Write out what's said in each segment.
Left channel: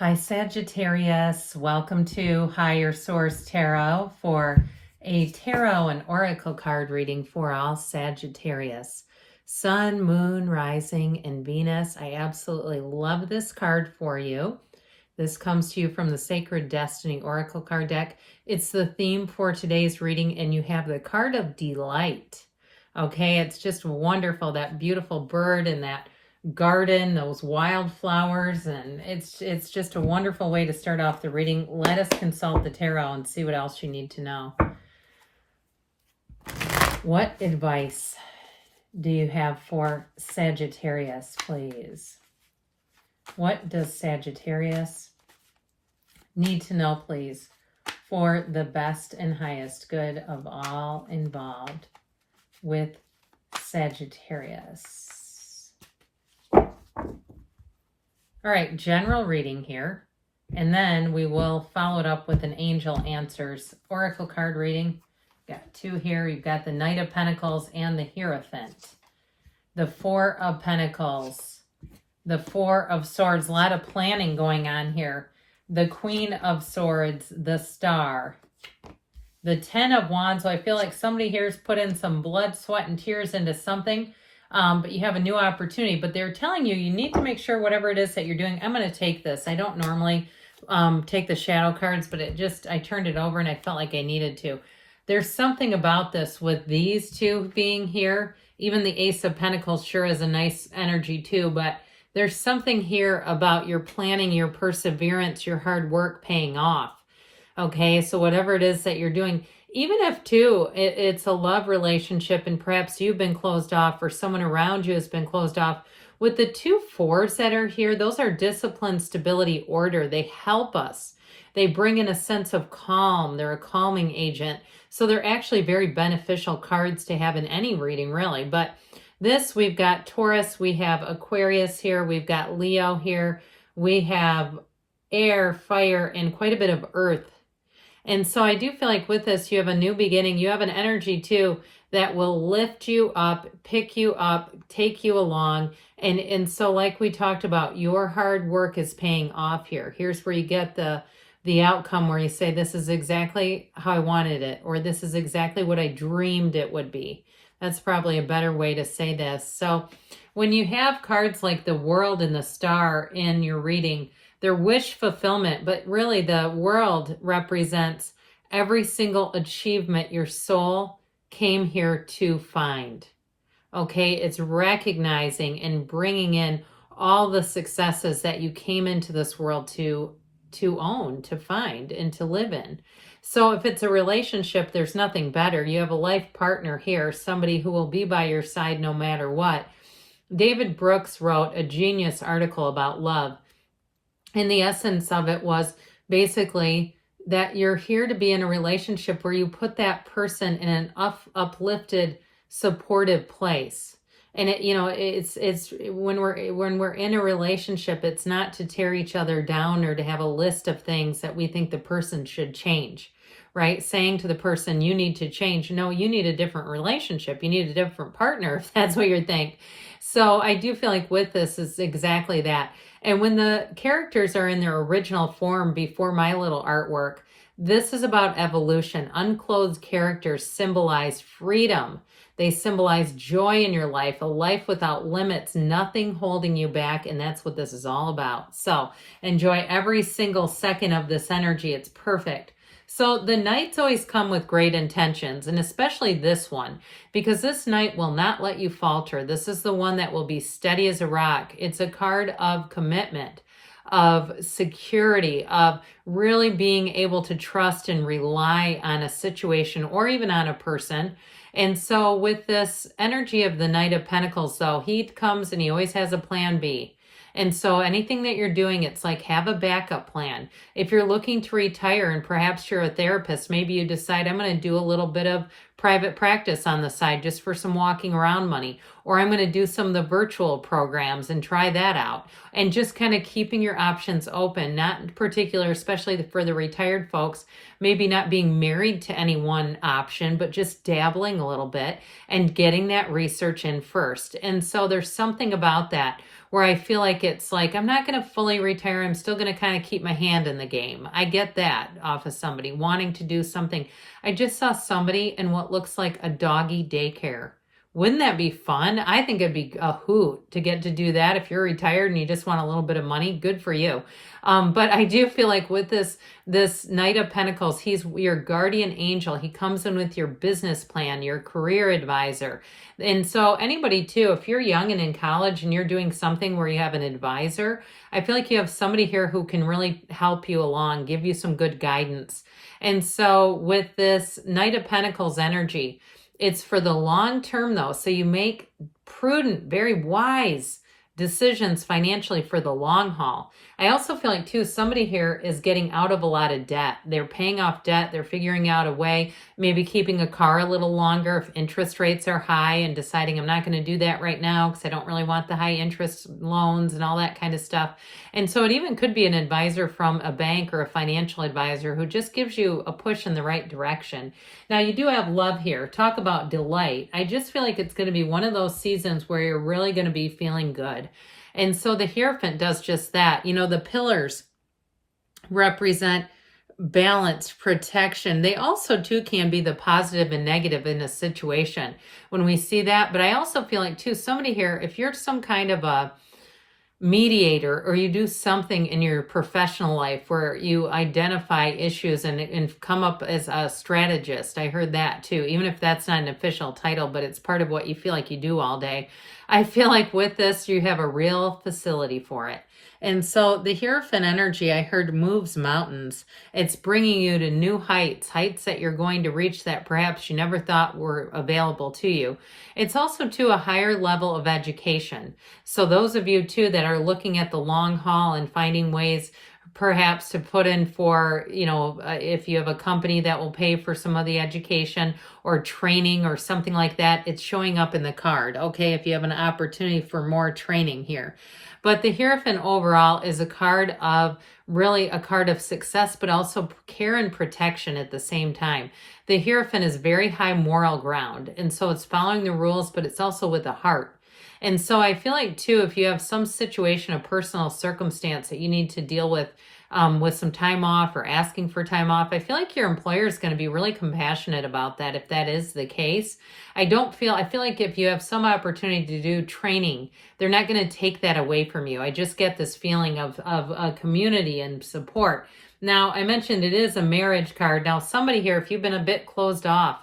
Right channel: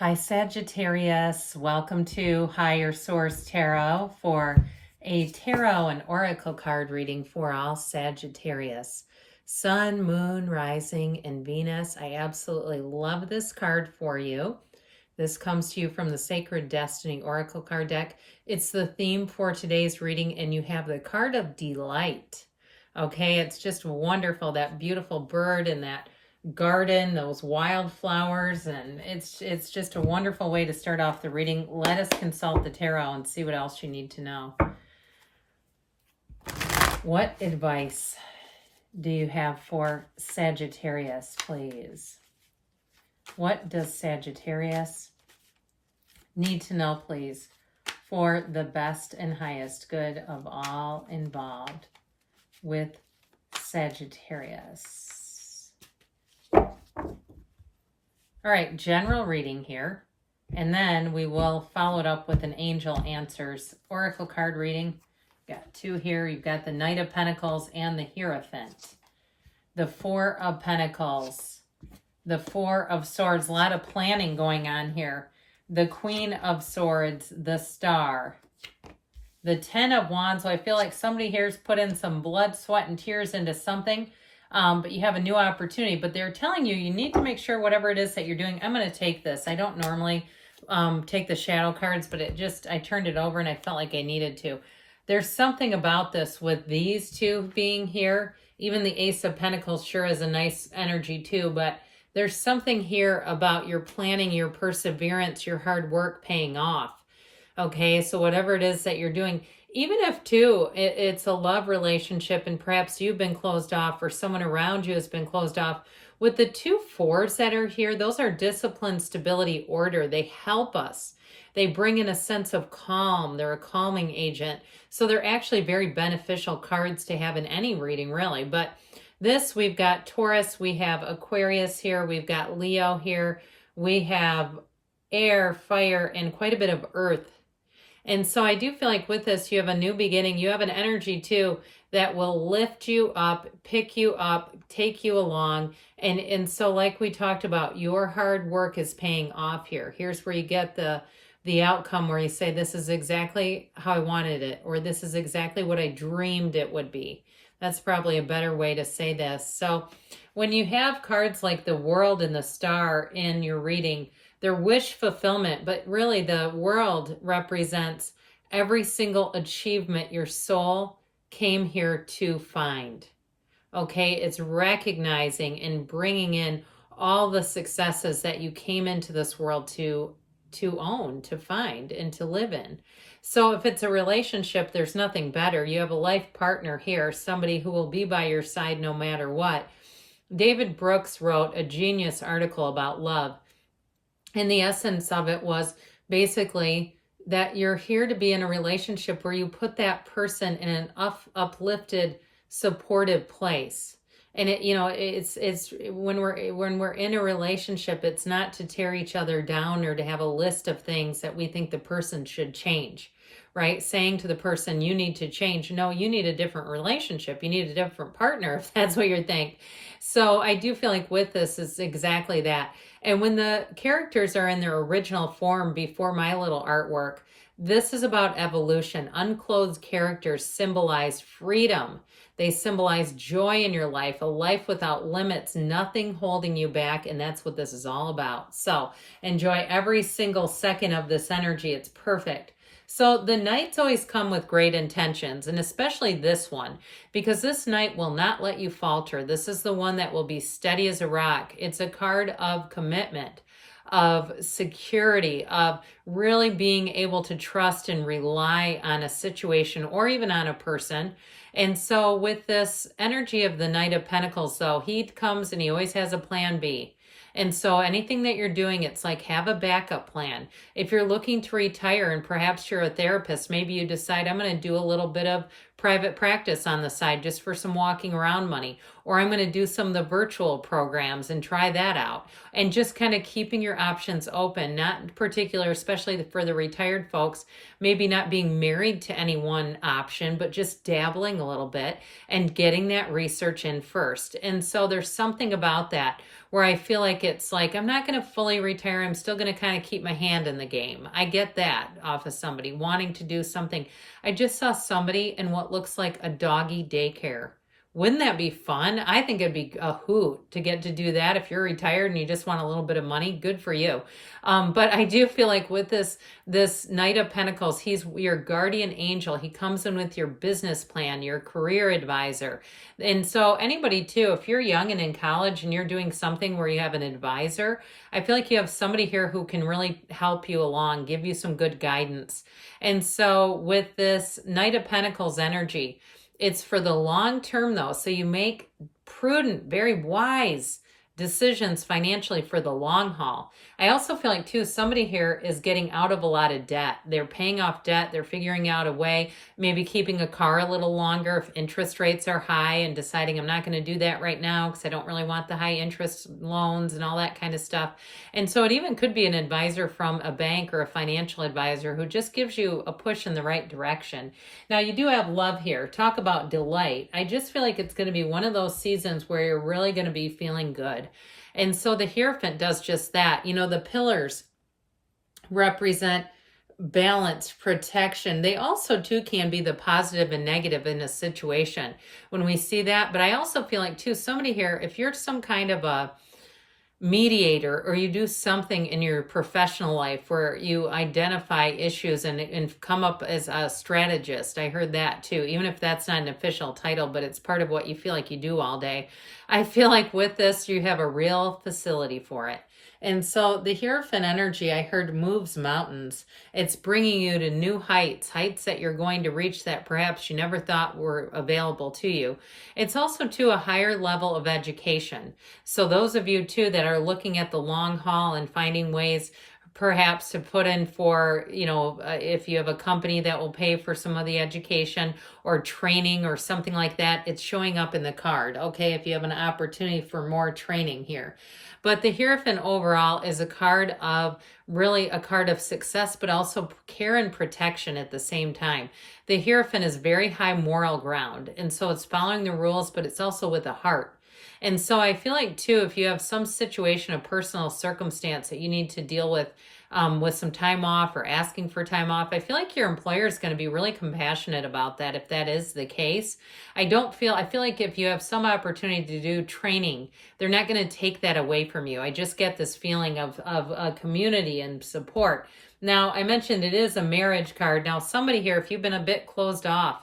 Hi, Sagittarius. Welcome to Higher Source Tarot for a tarot and oracle card reading for all Sagittarius. Sun, Moon, Rising, and Venus. I absolutely love this card for you. This comes to you from the Sacred Destiny Oracle card deck. It's the theme for today's reading, and you have the card of delight. Okay, it's just wonderful, that beautiful bird and that garden, those wildflowers, and it's just a wonderful way to start off the reading. Let us consult the tarot and see what else you need to know. What advice do you have for Sagittarius, please? What does Sagittarius need to know, please, for the best and highest good of all involved with Sagittarius? All right, general reading here, and then we will follow it up with an Angel Answers Oracle card reading. Got two here. You've got the Knight of Pentacles and the Hierophant. The Four of Pentacles, the Four of Swords, a lot of planning going on here. The Queen of Swords, the Star, the Ten of Wands. So I feel like somebody here's put in some blood, sweat, and tears into something. But you have a new opportunity, but they're telling you, you need to make sure whatever it is that you're doing. I'm going to take this. I don't normally take the shadow cards, but I turned it over and I felt like I needed to. There's something about this with these two being here. Even the Ace of Pentacles sure is a nice energy too, but there's something here about your planning, your perseverance, your hard work paying off. Okay, so whatever it is that you're doing, even if too, it's a love relationship and perhaps you've been closed off or someone around you has been closed off. With the two fours that are here, those are discipline, stability, order. They help us. They bring in a sense of calm. They're a calming agent. So they're actually very beneficial cards to have in any reading, really. But this, we've got Taurus, we have Aquarius here, we've got Leo here, we have air, fire, and quite a bit of earth. And so I do feel like with this, you have a new beginning. You have an energy too that will lift you up, pick you up, take you along. And so like we talked about, your hard work is paying off here. Here's where you get the outcome where you say, this is exactly how I wanted it, or this is exactly what I dreamed it would be. That's probably a better way to say this. So when you have cards like the World and the Star in your reading, they're wish fulfillment, but really the world represents every single achievement your soul came here to find. Okay, it's recognizing and bringing in all the successes that you came into this world to own, to find, and to live in. So if it's a relationship, there's nothing better. You have a life partner here, somebody who will be by your side no matter what. David Brooks wrote a genius article about love. And the essence of it was basically that you're here to be in a relationship where you put that person in an uplifted, supportive place. And it's when we're in a relationship, it's not to tear each other down or to have a list of things that we think the person should change, right? Saying to the person, you need to change. No, you need a different relationship. You need a different partner, if that's what you think. So I do feel like with this is exactly that. And when the characters are in their original form before my little artwork, this is about evolution. Unclothed characters symbolize freedom. They symbolize joy in your life, a life without limits, nothing holding you back. And that's what this is all about. So enjoy every single second of this energy. It's perfect. So the nights always come with great intentions, and especially this one, because this night will not let you falter. This is the one that will be steady as a rock. It's a card of commitment, of security, of really being able to trust and rely on a situation or even on a person. And so with this energy of the Knight of Pentacles, though, he comes and he always has a plan B. And so anything that you're doing, it's like have a backup plan. If you're looking to retire and perhaps you're a therapist, maybe you decide I'm going to do a little bit of private practice on the side just for some walking around money. Or I'm going to do some of the virtual programs and try that out. And just kind of keeping your options open, not in particular, especially for the retired folks, maybe not being married to any one option, but just dabbling a little bit and getting that research in first. And so there's something about that where I feel like it's like, I'm not going to fully retire. I'm still going to kind of keep my hand in the game. I get that off of somebody wanting to do something. I just saw somebody in what looks like a doggy daycare. Wouldn't that be fun? I think it'd be a hoot to get to do that. If you're retired and you just want a little bit of money, good for you. But I do feel like with this Knight of Pentacles, he's your guardian angel. He comes in with your business plan, your career advisor. And so anybody too, if you're young and in college and you're doing something where you have an advisor, I feel like you have somebody here who can really help you along, give you some good guidance. And so with this Knight of Pentacles energy, it's for the long term though. So you make prudent, very wise decisions financially for the long haul. I also feel like too, somebody here is getting out of a lot of debt. They're paying off debt. They're figuring out a way, maybe keeping a car a little longer if interest rates are high and deciding I'm not going to do that right now because I don't really want the high interest loans and all that kind of stuff. And so it even could be an advisor from a bank or a financial advisor who just gives you a push in the right direction. Now you do have love here. Talk about delight. I just feel like it's going to be one of those seasons where you're really going to be feeling good. And so the Hierophant does just that. You know, the pillars represent balance, protection. They also too can be the positive and negative in a situation when we see that. But I also feel like too, somebody here, if you're some kind of a mediator or you do something in your professional life where you identify issues and come up as a strategist, I heard that too, even if that's not an official title, but it's part of what you feel like you do all day. I feel like with this, you have a real facility for it. And so the Hierophant energy, I heard, moves mountains. It's bringing you to new heights, heights that you're going to reach that perhaps you never thought were available to you. It's also to a higher level of education. So those of you too that are looking at the long haul and finding ways perhaps to put in for, you know, if you have a company that will pay for some of the education or training or something like that, it's showing up in the card. Okay, if you have an opportunity for more training here. But the Hierophant overall is a card of really a card of success, but also care and protection at the same time. The Hierophant is very high moral ground. And so it's following the rules, but it's also with a heart. And so I feel like too, if you have some situation, a personal circumstance that you need to deal with some time off or asking for time off, I feel like your employer is going to be really compassionate about that if that is the case. I feel like if you have some opportunity to do training, they're not going to take that away from you. I just get this feeling of a community and support. Now, I mentioned it is a marriage card. Now, somebody here, if you've been a bit closed off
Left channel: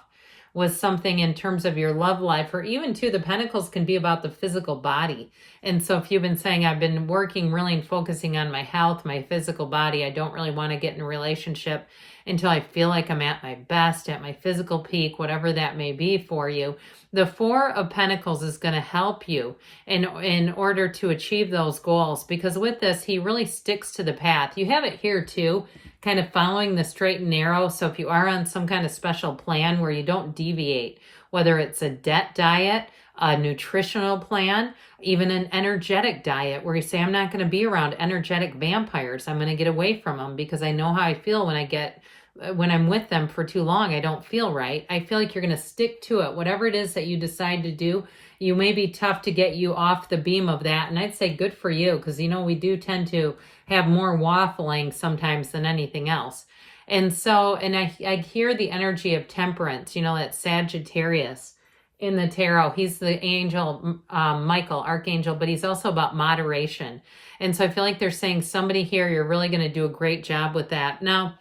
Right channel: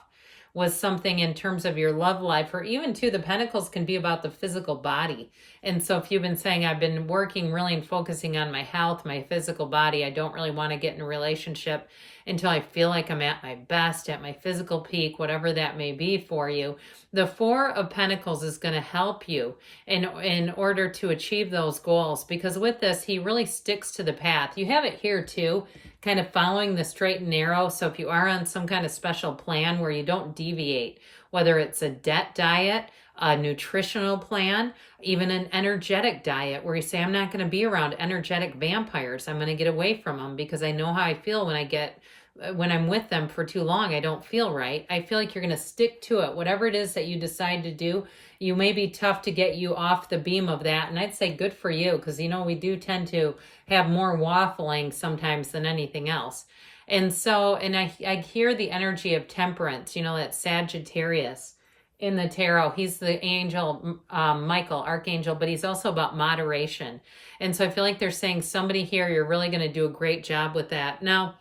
with something in terms of your love life, or even too, the Pentacles can be about the physical body. And so if you've been saying, I've been working really and focusing on my health, my physical body, I don't really want to get in a relationship until I feel like I'm at my best, at my physical peak, whatever that may be for you. The Four of Pentacles is going to help you in order to achieve those goals, because with this, he really sticks to the path. You have it here too, kind of following the straight and narrow. So if you are on some kind of special plan where you don't deviate, whether it's a debt diet, a nutritional plan, even an energetic diet where you say, I'm not going to be around energetic vampires. I'm going to get away from them because I know how I feel when I'm with them for too long. I don't feel right. I feel like you're going to stick to it. Whatever it is that you decide to do, you may be tough to get you off the beam of that. And I'd say good for you, because, you know, we do tend to have more waffling sometimes than anything else. And so, and I hear the energy of temperance, you know, that Sagittarius in the tarot. He's the angel, Michael, archangel, but he's also about moderation. And so I feel like they're saying somebody here, you're really going to do a great job with that. Now,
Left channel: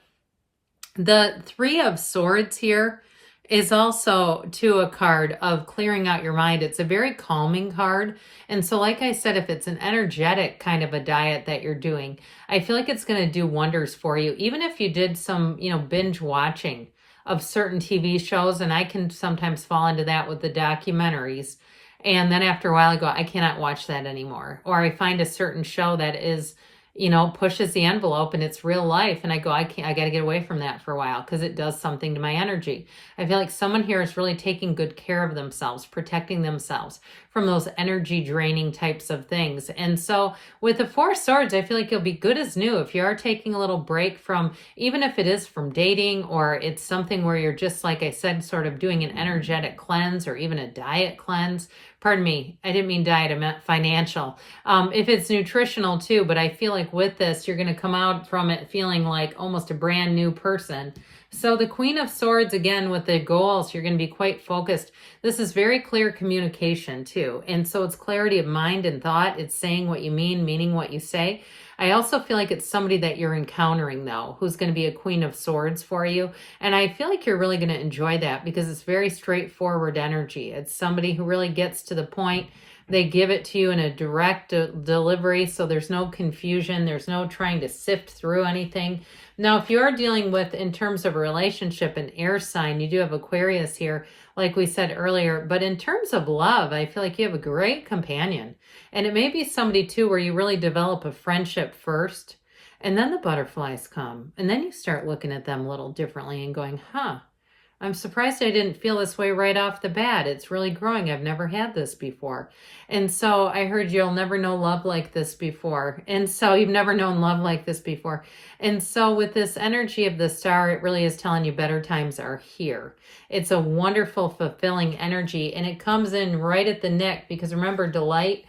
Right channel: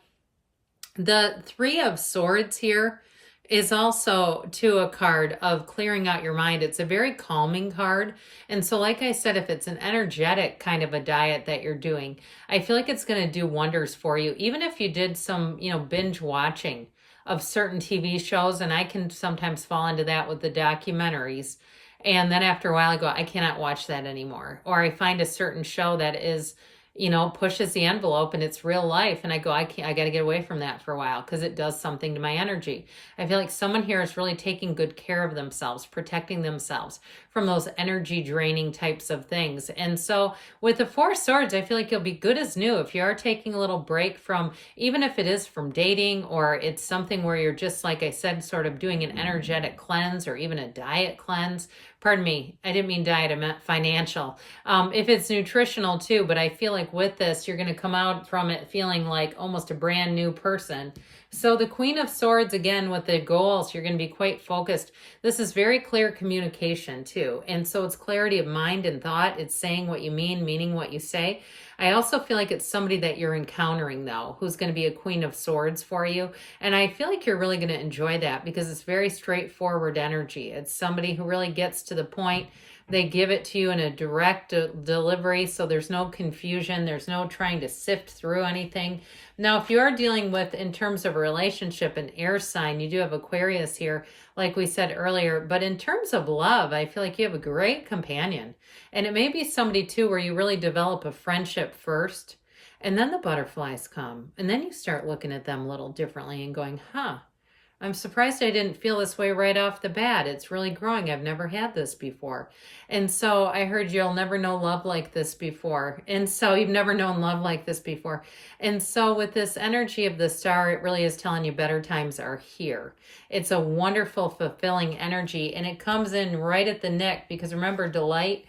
the Three of Swords here is also to a card of clearing out your mind. It's a very calming card. And so like I said, if it's an energetic kind of a diet that you're doing, I feel like it's going to do wonders for you. Even if you did some, you know, binge watching of certain TV shows, and I can sometimes fall into that with the documentaries. And then after a while I go, I cannot watch that anymore. Or I find a certain show that is, you know, pushes the envelope and it's real life. And I go, I got to get away from that for a while because it does something to my energy. I feel like someone here is really taking good care of themselves, protecting themselves from those energy draining types of things. And so with the Four of Swords, I feel like you'll be good as new if you are taking a little break from, even if it is from dating, or it's something where you're just, like I said, sort of doing an energetic cleanse or even a diet cleanse. Pardon me, I didn't mean diet, I meant financial. If it's nutritional too, but I feel like with this, you're going to come out from it feeling like almost a brand new person. So the Queen of Swords, again, with the goals, you're going to be quite focused. This is very clear communication too. And so it's clarity of mind and thought. It's saying what you mean, meaning what you say. I also feel like it's somebody that you're encountering, though, who's going to be a Queen of Swords for you. And I feel like you're really going to enjoy that because it's very straightforward energy. It's somebody who really gets to the point. They give it to you in a direct delivery, so there's no confusion. There's no trying to sift through anything. Now, if you are dealing with, in terms of a relationship, an air sign, you do have Aquarius here, like we said earlier. But in terms of love, I feel like you have a great companion. And it may be somebody, too, where you really develop a friendship first, and then the butterflies come. And then you start looking at them a little differently and going, huh, I'm surprised I didn't feel this way right off the bat. It's really growing. I've never had this before. And so I heard you'll never know love like this before. And so you've never known love like this before. And so with this energy of the star, it really is telling you better times are here. It's a wonderful, fulfilling energy. And it comes in right at the neck because remember, delight,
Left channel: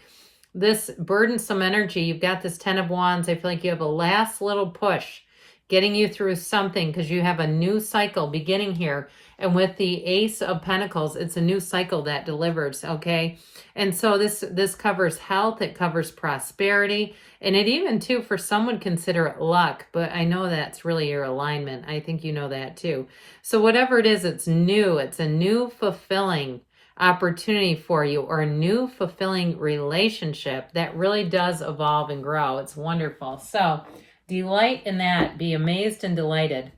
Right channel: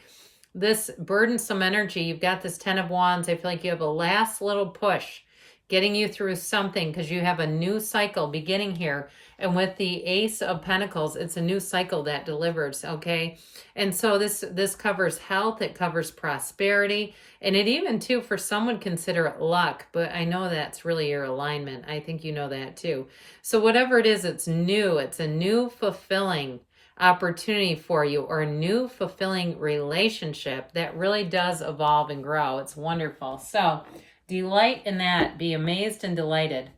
this burdensome energy, you've got this 10 of Wands. I feel like you have a last little push getting you through something because you have a new cycle beginning here. And with the Ace of Pentacles, it's a new cycle that delivers, okay? And so this covers health, it covers prosperity, and it even, too, for some would consider it luck, but I know that's really your alignment. I think you know that, too. So whatever it is, it's new. It's a new fulfilling opportunity for you, or a new fulfilling relationship that really does evolve and grow. It's wonderful. So delight in that. Be amazed and delighted.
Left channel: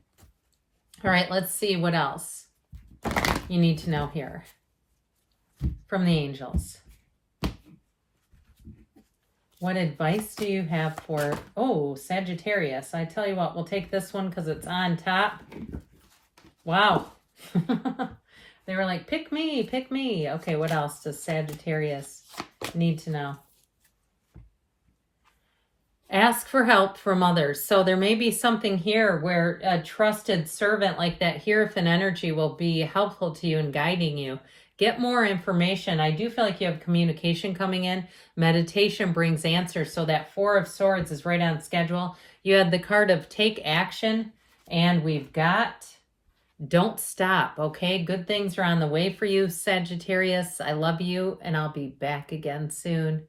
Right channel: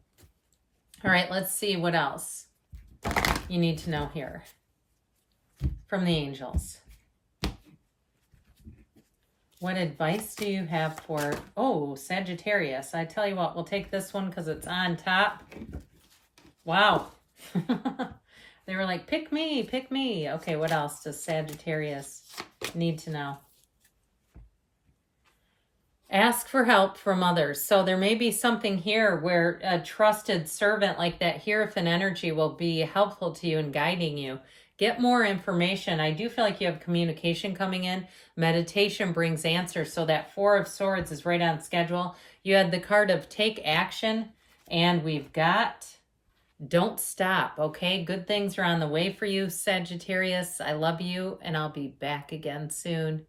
All right, let's see what else you need to know here from the angels. What advice do you have for, Sagittarius? I tell you what, we'll take this one because it's on top. Wow. They were like, pick me, pick me. Okay, what else does Sagittarius need to know? Ask for help from others. So there may be something here where a trusted servant like that here with an energy will be helpful to you and guiding you. Get more information. I do feel like you have communication coming in. Meditation brings answers. So that Four of Swords is right on schedule. You had the card of take action, and we've got don't stop, okay? Good things are on the way for you, Sagittarius. I love you, and I'll be back again soon.